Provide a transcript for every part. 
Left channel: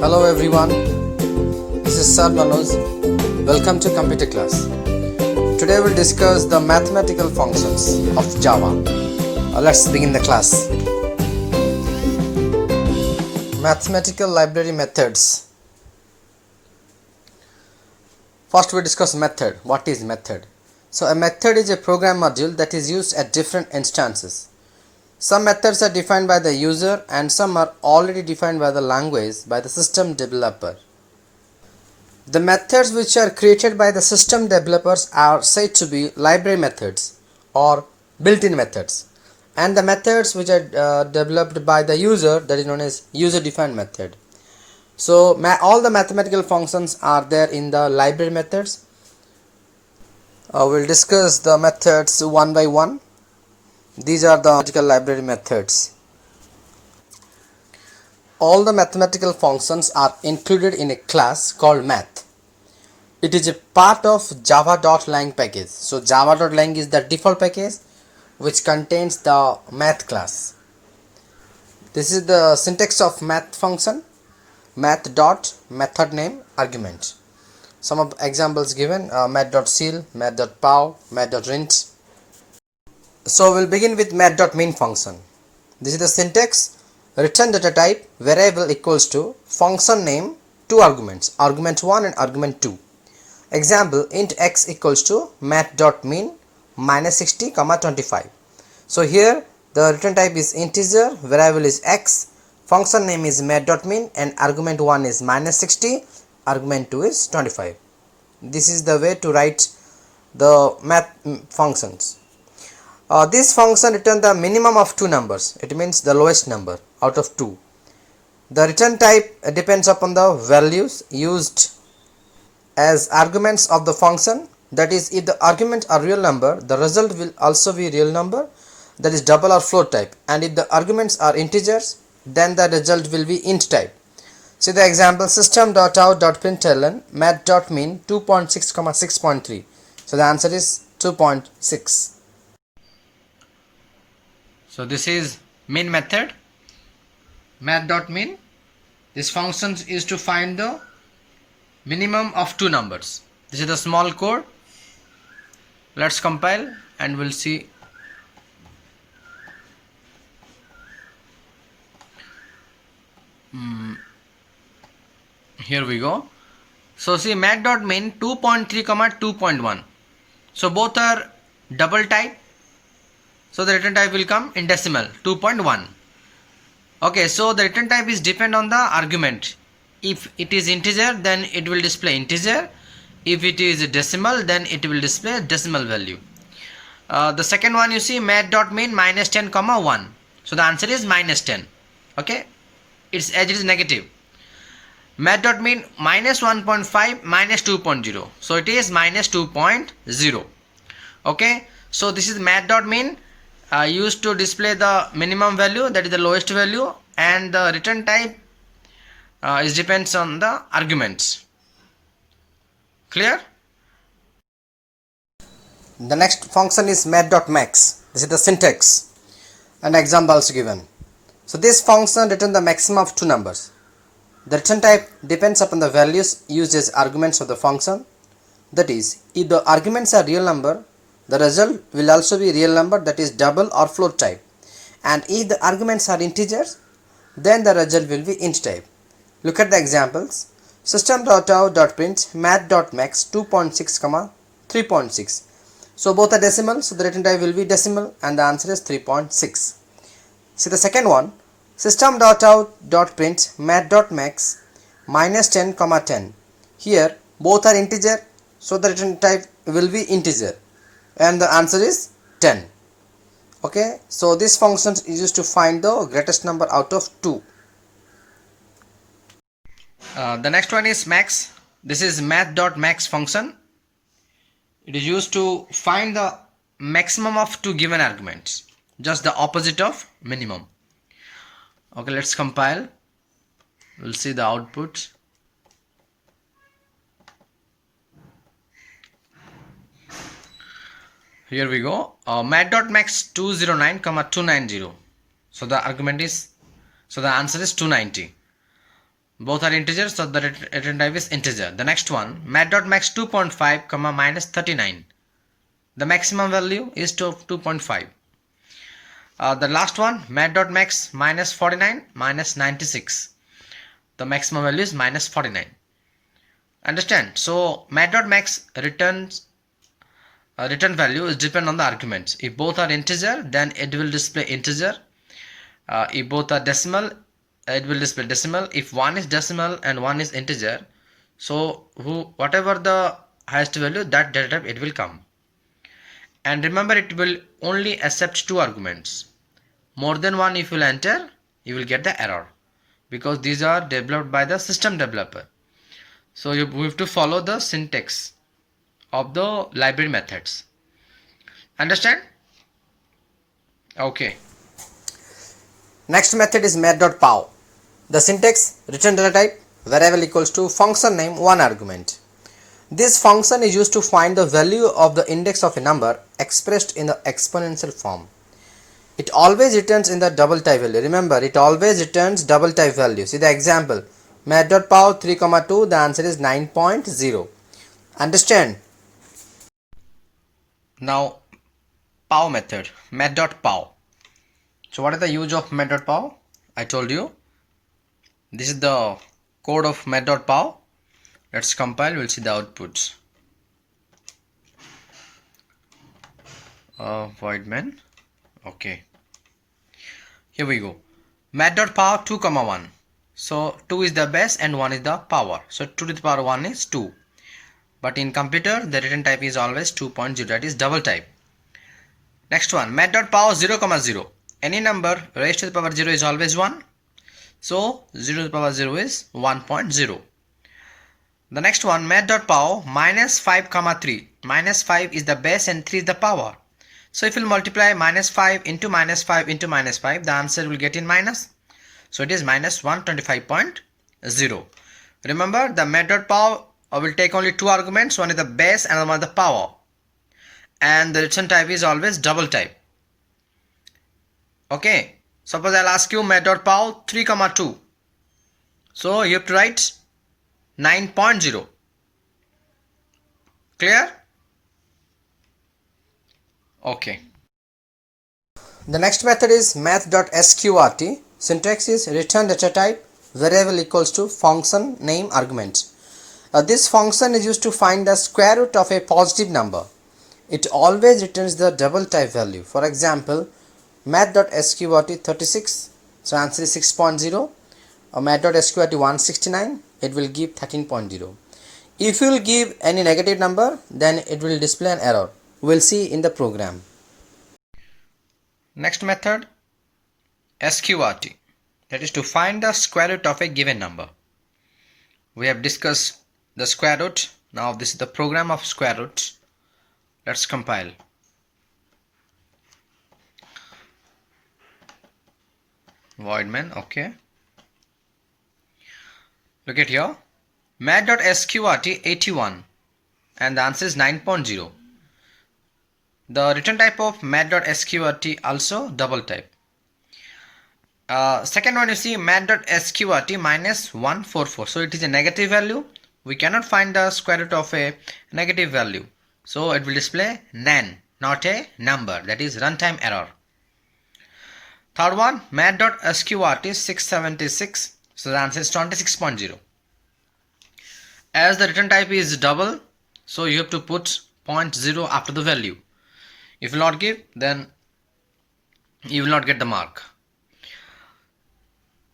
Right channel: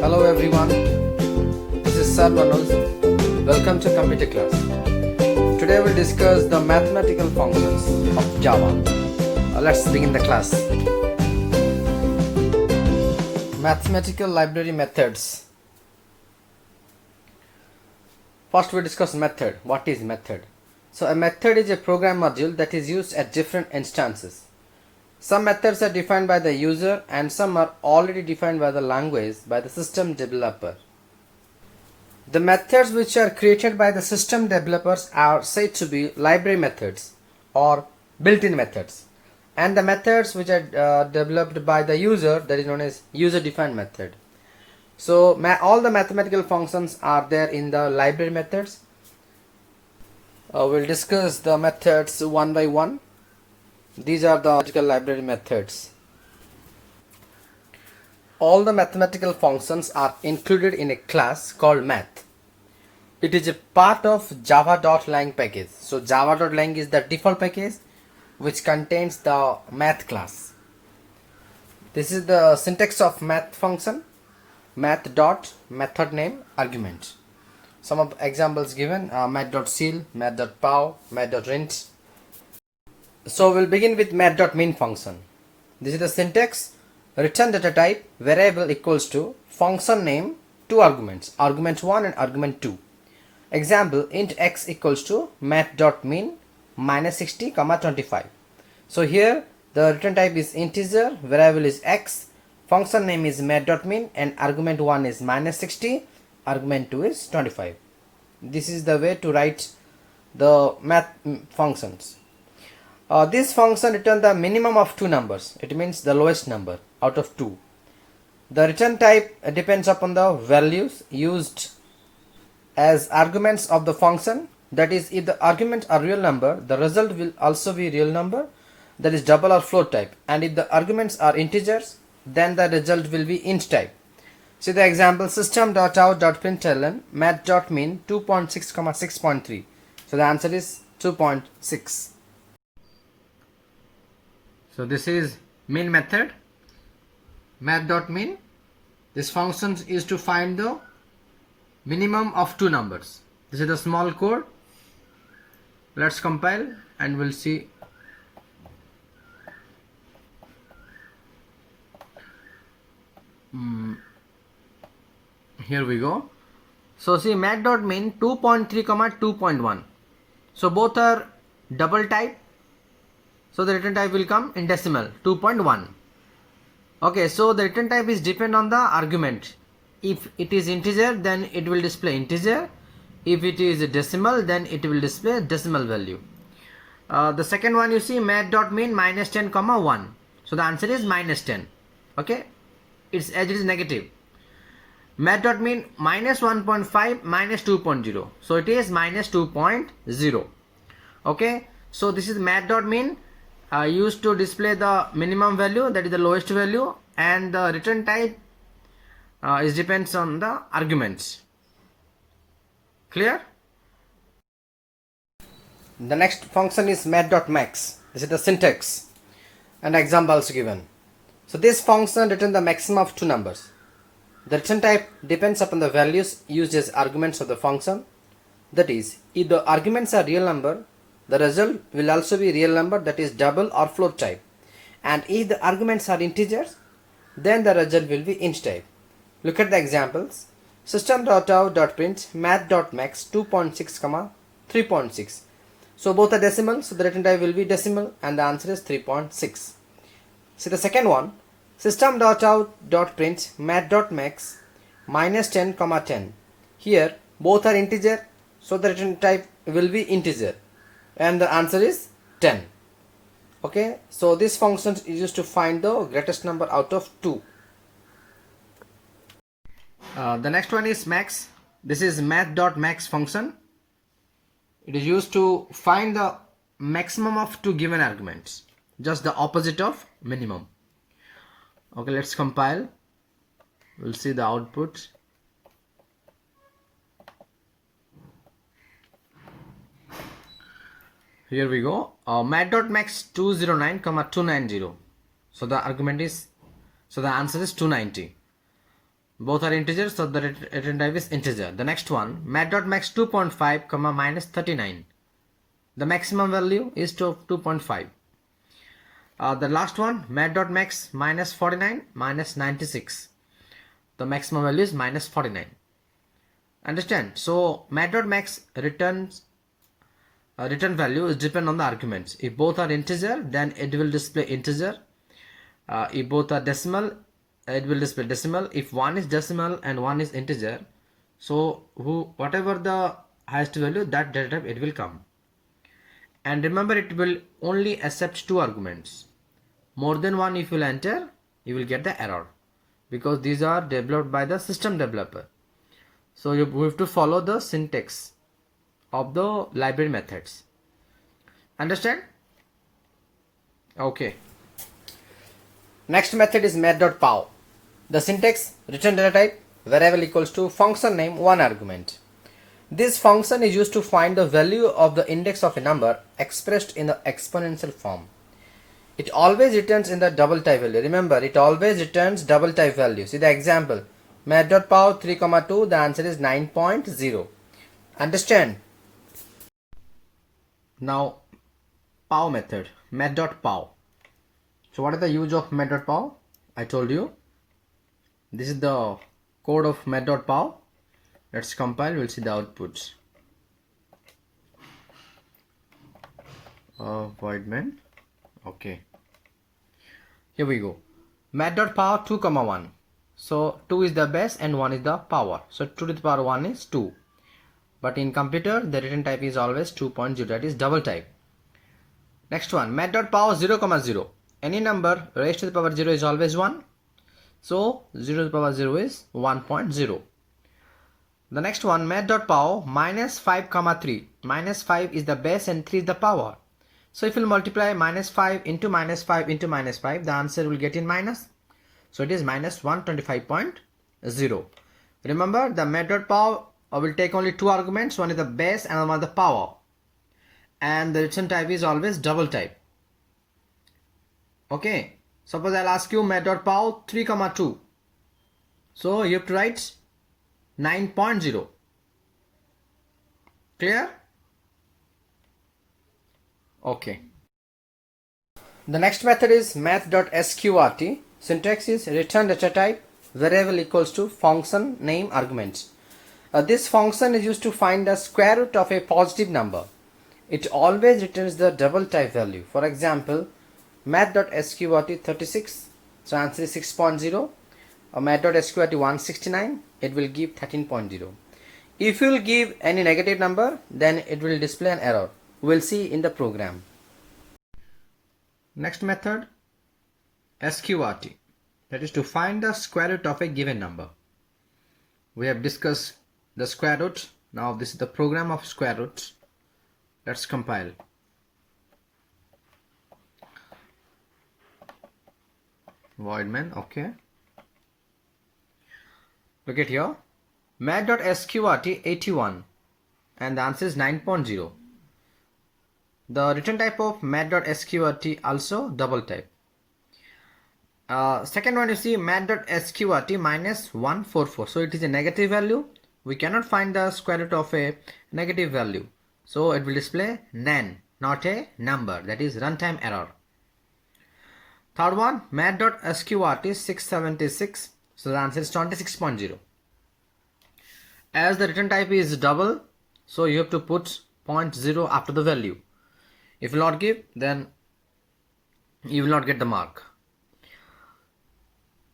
Hello everyone, this is Sir Manoj. Welcome to computer class. Today we'll discuss the mathematical functions of Java. Let's begin the class. Mathematical library methods. First we discuss method. What is method? So a method is a program module that is used at different instances. Some methods are defined by the user and some are already defined by the language by the system developer. The methods which are created by the system developers are said to be library methods or built-in methods, and the methods which are developed by the user, that is known as user-defined method. So all the mathematical functions are there in the library methods. We'll discuss the methods one by one. These are the mathematical library methods. All the mathematical functions are included in a class called math. It is a part of java.lang package. So java.lang is the default package which contains the math class. This is the syntax of math function. Math dot method name argument. Some of examples given: math.ceil, math.pow, math.rint. So we'll begin with math.min function. This is the syntax: return data type variable equals to function name, two arguments, argument 1 and argument 2. Example: int x equals to math.min minus 60 comma 25. So here the return type is integer, variable is x, function name is math.min, and argument 1 is minus 60, argument 2 is 25. This is the way to write the math functions. This function returns the minimum of two numbers. It means the lowest number out of 2. The return type depends upon the values used as arguments of the function. That is, if the arguments are real number, the result will also be real number, that is double or float type. And if the arguments are integers, then the result will be int type. See the example: system.out.println math.min 2.6 comma 6.3. So the answer is 2.6. So this is min method, math.min. This function is to find the minimum of two numbers. This is the small code. Let's compile and we'll see. Here we go. So see math.min 2.3 comma 2.1. So both are double type. So the return type will come in decimal 2.1. Okay, so the return type is depend on the argument. If it is integer, then it will display integer. If it is a decimal, then it will display decimal value. The second one, you see math.min minus 10 comma 1. So the answer is minus 10. Okay, its edge is negative. Math.min minus 1.5 minus 2.0. So it is minus 2.0. Okay, so this is math.min used to display the minimum value, that is the lowest value, and the return type is depends on the arguments. Clear? The next function is math.max. This is the syntax and examples given. So this function returns the maximum of two numbers. The return type depends upon the values used as arguments of the function. That is, if the arguments are real number, the result will also be real number, that is double or float type. And if the arguments are integers, then the result will be int type. Look at the examples: system.out.print math.max 2.6 comma 3.6. So both are decimal, so the return type will be decimal and the answer is 3.6. See the second one: system.out.print math.max minus 10 comma 10. Here both are integer, so the return type will be integer and the answer is 10. Okay, so this function is used to find the greatest number out of 2. The next one is max. This is math.max function. It is used to find the maximum of two given arguments, just the opposite of minimum. Okay, let's compile. We'll see the output. Here we go. Math.max 209, 290. So the answer is 290. Both are integers, so the return type is integer. The next one, mat.max 2.5 comma minus 39. The maximum value is 2.5. The last one, mat.max minus 49 minus 96. The maximum value is minus 49. Understand? So mat.max return value is depend on the arguments. If both are integer, then it will display integer. If both are decimal, it will display decimal. If one is decimal and one is integer, so whatever the highest value, that data type it will come. And remember, it will only accept two arguments. More than one if you will enter, you will get the error, because these are developed by the system developer. So you have to follow the syntax of the library methods. Understand? Okay. Next method is mat.pow. The syntax, return data type, variable equals to function name, one argument. This function is used to find the value of the index of a number expressed in the exponential form. It always returns in the double type value. Remember, it always returns double type value. See the example, mat.pow 3,2, the answer is 9.0. Understand? Now, pow method, mat.pow. So what is the use of mat.pow? I told you. This is the code of mat.pow. Let's compile, we'll see the outputs. Void main. Okay. Here we go. Mat.pow 2, 1. So 2 is the base and 1 is the power. So 2 to the power 1 is 2. But in computer, the return type is always 2.0. That is double type. Next one, mat.pow 0, 0. Any number raised to the power 0 is always 1. So 0 to the power 0 is 1.0. The next one, mat.pow minus 5, 3. Minus 5 is the base and 3 is the power. So if you multiply minus 5 into minus 5 into minus 5, the answer will get in minus. So it is minus 125.0. Remember, the mat.pow will take only two arguments. One is the base and one is the power. And the return type is always double type. Okay. Suppose I'll ask you mat.pow 3, 2. So you have to write 9.0. Clear? Okay. The next method is math.sqrt. Syntax is return data type, variable equals to function name argument. This function is used to find the square root of a positive number. It always returns the double type value. For example, math.sqrt 36, so answer is 6.0. Math.sqrt 169, it will give 13.0. If you will give any negative number, then it will display an error. We'll see in the program. Next method, sqrt, that is to find the square root of a given number. We have discussed the square root. Now this is the program of square roots. Let's compile. Void main. Okay. Look at here, mat.sqrt 81, and the answer is 9.0. The return type of mat.sqrt also double type. Second one, you see mat.sqrt minus 144. So it is a negative value. We cannot find the square root of a negative value. So it will display nan, not a number. That is runtime error. Third one, mat.sqrt 676. So the answer is 26.0. As the return type is double, so you have to put 0.0 after the value. If you will not give, then you will not get the mark.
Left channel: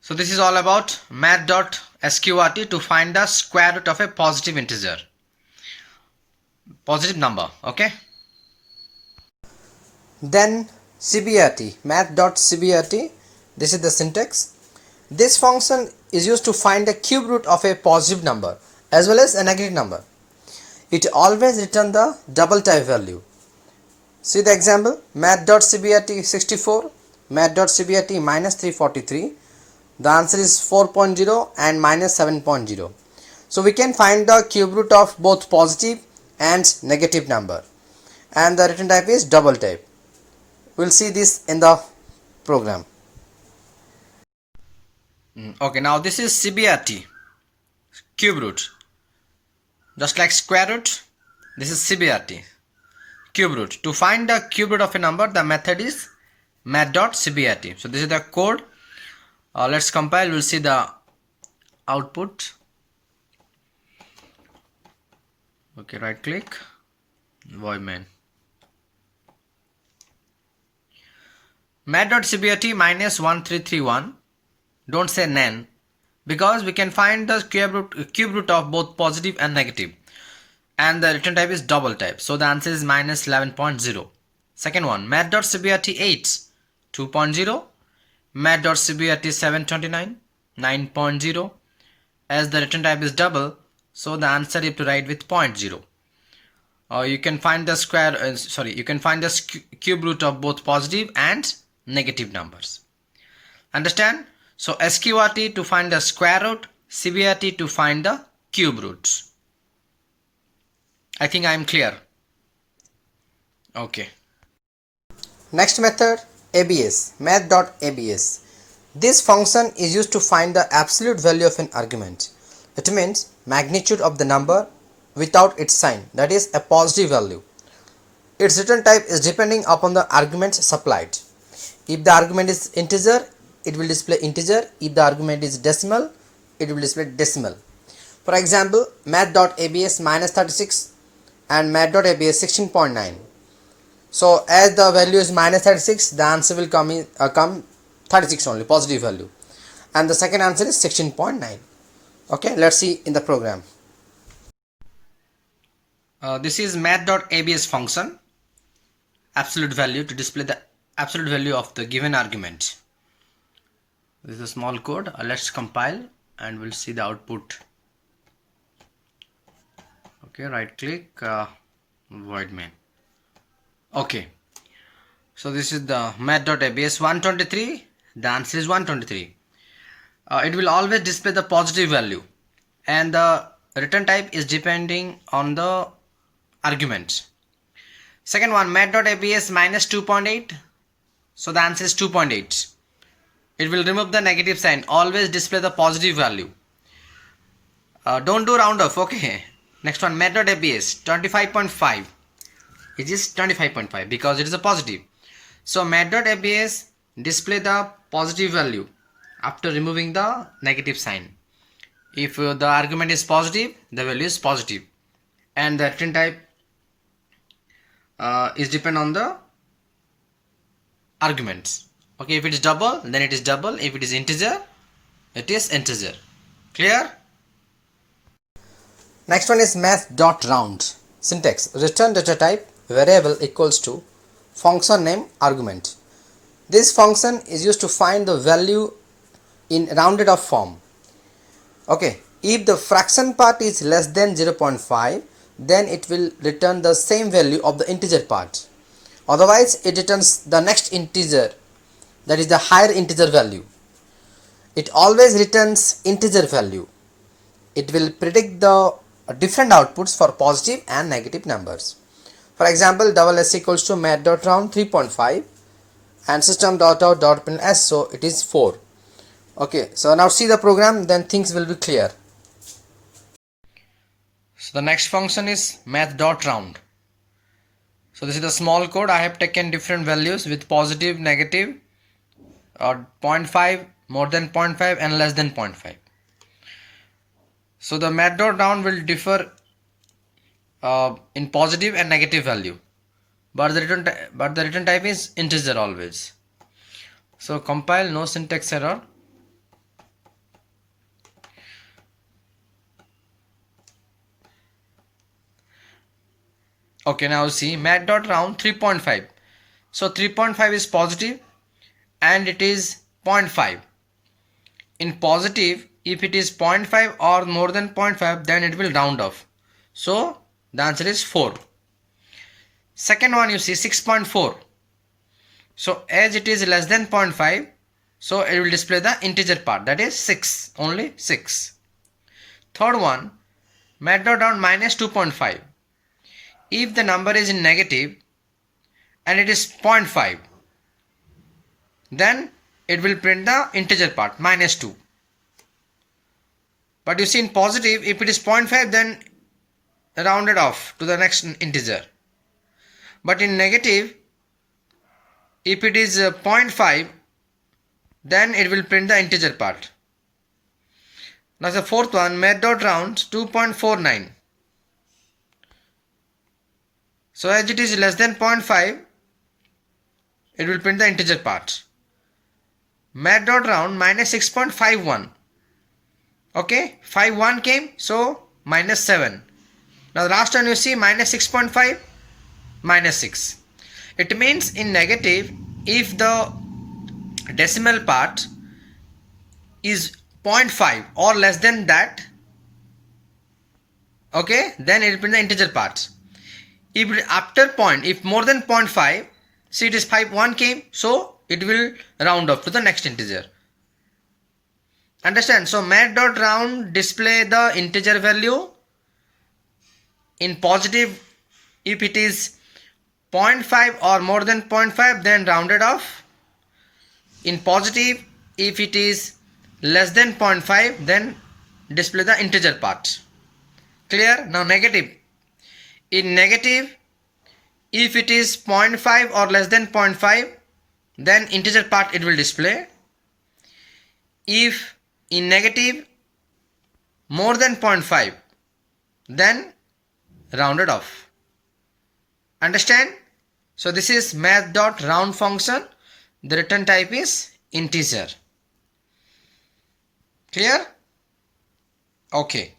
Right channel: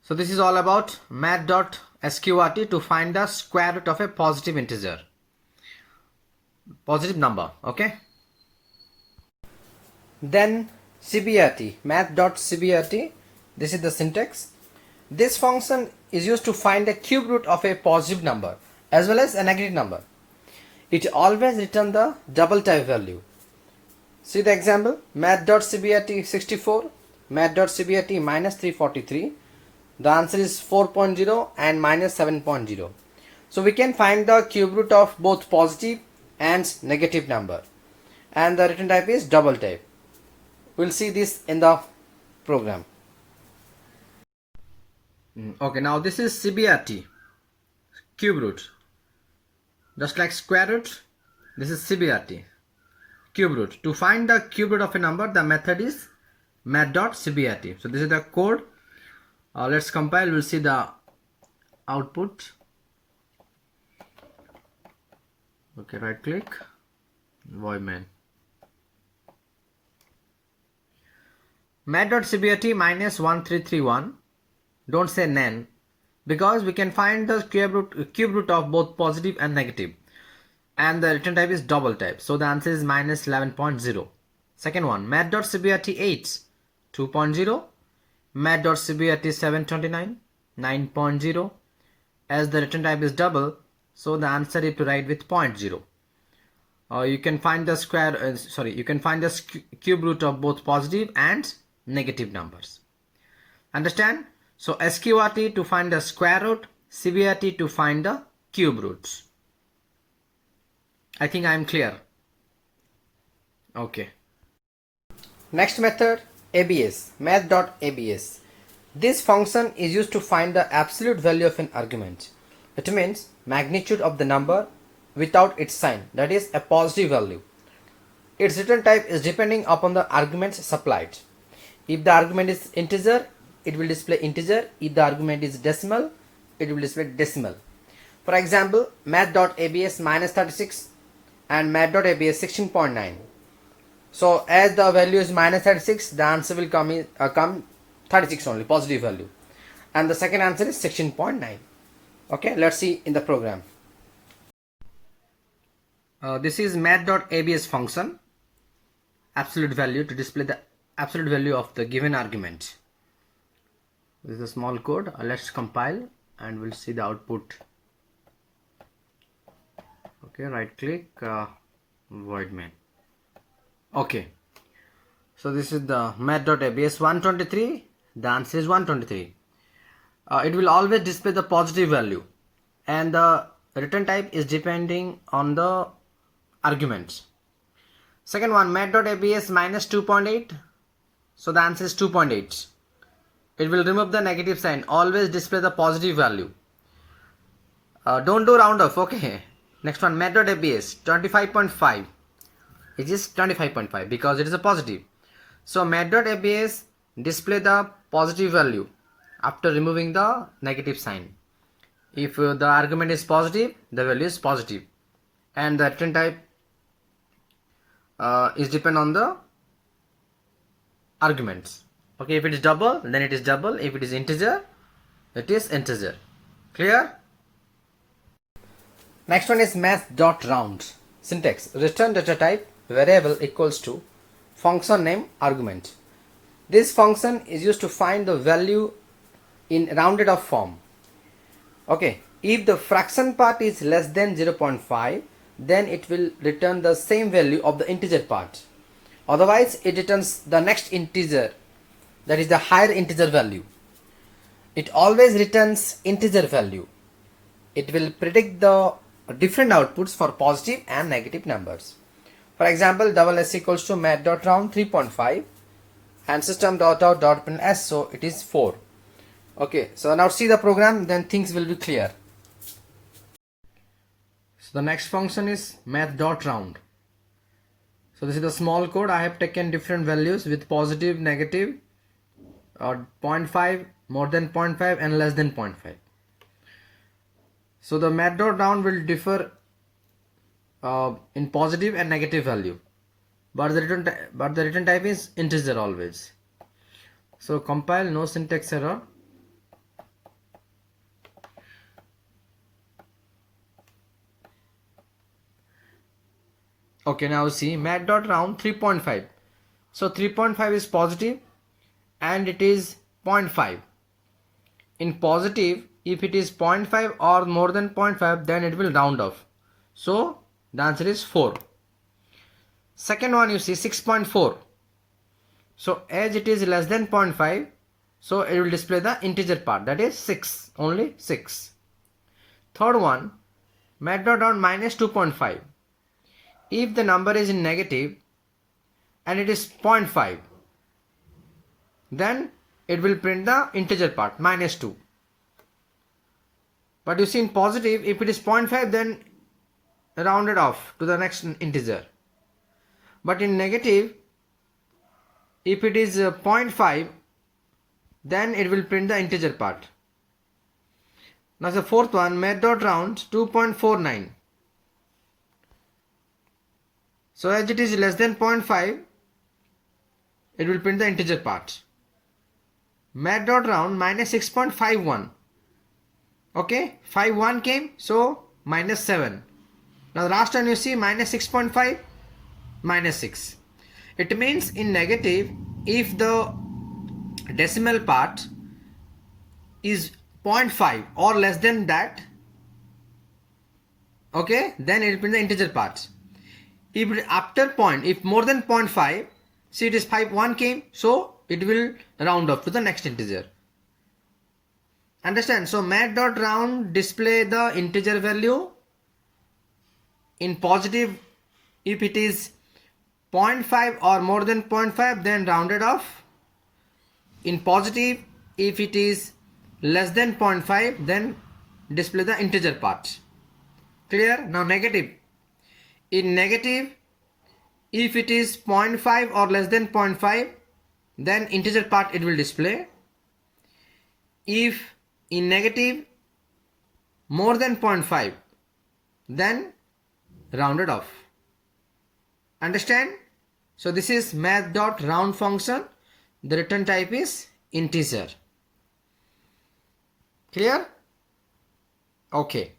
So this is all about math.sqrt to find the square root of a positive integer, positive number. Okay. Then cbrt, math.cbrt. This is the syntax. This function is used to find the cube root of a positive number as well as a negative number. It always returns the double type value. See the example, math.cbrt 64, math.cbrt minus 343. The answer is 4.0 and minus 7.0. So we can find the cube root of both positive and negative number. And the return type is double type. We'll see this in the program. Okay, now this is cbrt, cube root. Just like square root, this is cbrt, cube root. To find the cube root of a number, the method is math.cbrt. So this is the code. Let's compile, we'll see the output. Okay, right click, void main. Math.cbrt minus 1331. Don't say nan, because we can find the cube root of both positive and negative, and the return type is double type, so the answer is minus 11.0. Second one, math.cbrt 8 2.0, math.cbrt 729 9.0. As the return type is double, so the answer is to write with 0.0. You can find the you can find the cube root of both positive and negative numbers. Understand? So sqrt to find the square root, cbrt to find the cube roots. I think I am clear. Okay. Next method, abs, math.abs. This function is used to find the absolute value of an argument. It means magnitude of the number without its sign, that is a positive value. Its return type is depending upon the arguments supplied. If the argument is integer, it will display integer. If the argument is decimal, it will display decimal. For example, math.abs minus 36 and math.abs 16.9. So as the value is minus 36, the answer will come 36 only, positive value, and the second answer is 16.9. Okay, let's see in the program. This is math.abs function, absolute value, to display the absolute value of the given argument. This is a small code. Let's compile and we'll see the output. Okay, right click, void main. Okay, so this is the math.abs 123. The answer is 123. It will always display the positive value, and the return type is depending on the arguments. Second one, math.abs minus 2.8. So the answer is 2.8. It will remove the negative sign, always display the positive value. Don't do round off. Okay. Next one, math.abs 25.5. It is 25.5 because it is a positive. So math.abs display the positive value after removing the negative sign. If the argument is positive, the value is positive, and the return type is depend on the arguments. Okay, if it is double, then it is double. If it is integer, it is integer. Clear? Next one is math.round. Syntax: return data type variable equals to function name argument. This function is used to find the value in rounded off form. Okay, if the fraction part is less than 0.5, then it will return the same value of the integer part. Otherwise, it returns the next integer, that is the higher integer value. It always returns integer value. It will predict the different outputs for positive and negative numbers. For example, ss equals to math.round 3.5 and system.out.println, so it is 4. Okay, so now see the program, then things will be clear. So the next function is math.round. So this is the small code. I have taken different values with positive, negative, or 0.5, more than 0.5 and less than 0.5. So the math.round will differ in positive and negative value, but the return type is integer always. So compile, no syntax error. Okay, now see math.round 3.5. So 3.5 is positive and it is 0.5. In positive, if it is 0.5 or more than 0.5, then it will round off. So the answer is 4. Second one, you see 6.4. So as it is less than 0.5, so it will display the integer part, that is 6, only 6. Third one, math.round minus 2.5. If the number is in negative and it is 0.5, then it will print the integer part, minus 2. But you see in positive, if it is 0.5, then rounded off to the next integer. But in negative, if it is 0.5, then it will print the integer part. Now the fourth one, math.round 2.49. So as it is less than 0.5, it will print the integer part. Math.round minus 6.51. Okay, 51 came, so minus 7. Now the last one you see minus 6.5, minus 6. It means in negative, if the decimal part is 0.5 or less than that, okay, then it will print the integer part. If after point, if more than 0.5, see it is 1 came, so it will round off to the next integer. Understand? So math.round display the integer value. In positive, if it is 0.5 or more than 0.5, then rounded off. In positive, if it is less than 0.5, then display the integer part. Clear? Now negative. In negative, if it is 0.5 or less than 0.5, then integer part it will display. If in negative more than 0.5, then rounded off. Understand? So this is math.round function. The return type is integer. Clear? Okay.